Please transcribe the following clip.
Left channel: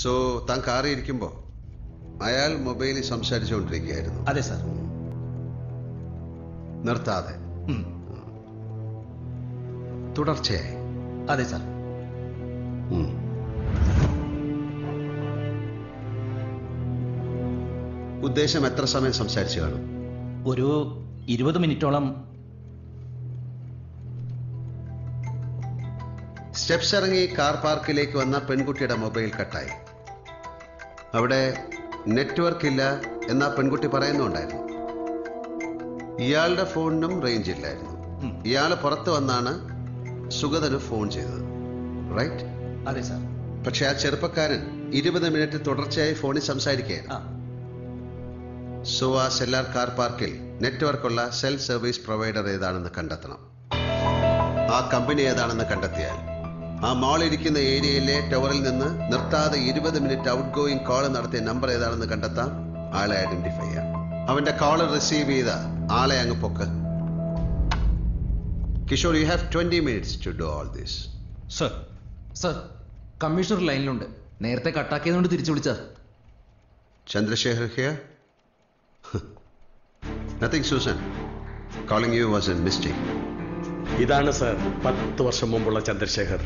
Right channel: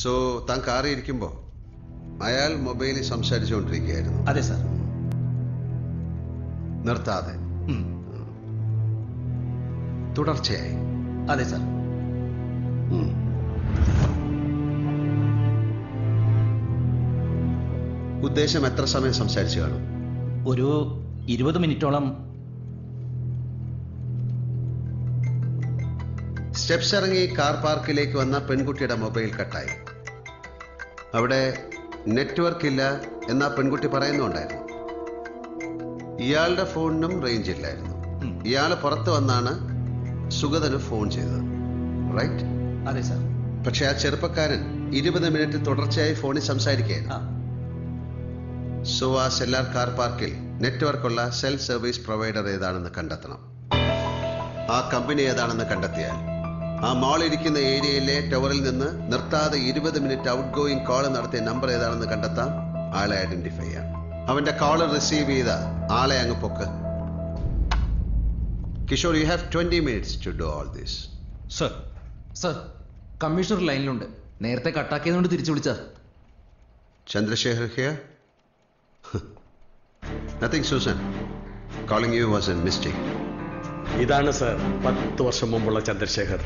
So താൻ കാറിൽ ഇരിക്കുമ്പോൾ അയാൾ മൊബൈലിൽ സംസാരിച്ചുകൊണ്ടിരിക്കുകയായിരുന്നു? അതെ സാർ. നിർത്താതെ തുടർച്ചയായി? അതെ സാർ. ഉദ്ദേശം എത്ര സമയം സംസാരിച്ചു കാണും? ഒരു 20 മിനിറ്റോളം. സ്റ്റെപ്സ് ഇറങ്ങി കാർ പാർക്കിലേക്ക് വന്ന പെൺകുട്ടിയുടെ മൊബൈൽ കട്ടായി. അവിടെ നെറ്റ്വർക്ക് ഇല്ല എന്നാ പെൺകുട്ടി പറയുന്നുണ്ടായിരുന്നു. ഇയാളുടെ ഫോണിനും റേഞ്ച് ഇല്ലായിരുന്നു. ഇയാൾ പുറത്തു വന്നാണ് സുഗതന് ഫോൺ ചെയ്തത്, റൈറ്റ്? അതെ സാർ. പക്ഷെ ആ ചെറുപ്പക്കാരൻ 20 മിനിറ്റ് തുടർച്ചയായി ഫോണിൽ സംസാരിക്കുകയായിരുന്നു. സോ ആ സെല്ലാർ കാർ പാർക്കിൽ നെറ്റ്വർക്കുള്ള സെൽഫ് സർവീസ് പ്രൊവൈഡർ ഏതാണെന്ന് കണ്ടെത്തണം. ആ കമ്പനി ഏതാണെന്ന് കണ്ടെത്തിയാൽ ആ മാൾ ഇരിക്കുന്ന ഏരിയയിലെ ടവറിൽ നിന്ന് നിർത്താതെ 20 മിനിറ്റ് ഔട്ട് ഗോയിങ് കോൾ നടത്തിയ നമ്പർ ഏതാണെന്ന് കണ്ടെത്താം. ആളെ ഐഡന്റിഫൈ ചെയ്യാം. അവന്റെ കോൾ റിസീവ് ചെയ്ത ആളെ അങ്ങ് പൊക്ക്. Kishore, you have 20 minutes to do all this. Sir. Sir, commissioner ലൈനിലുണ്ട്. നേരത്തെ കട്ടാക്കിയതുകൊണ്ട് തിരിച്ചു വിളിച്ചാ. Chandrasekhar here? Nothing, Susan. Calling you was a mistake. ഇതാണ് സർ 10 വർഷം മുമ്പുള്ള ചന്ദ്രശേഖർ.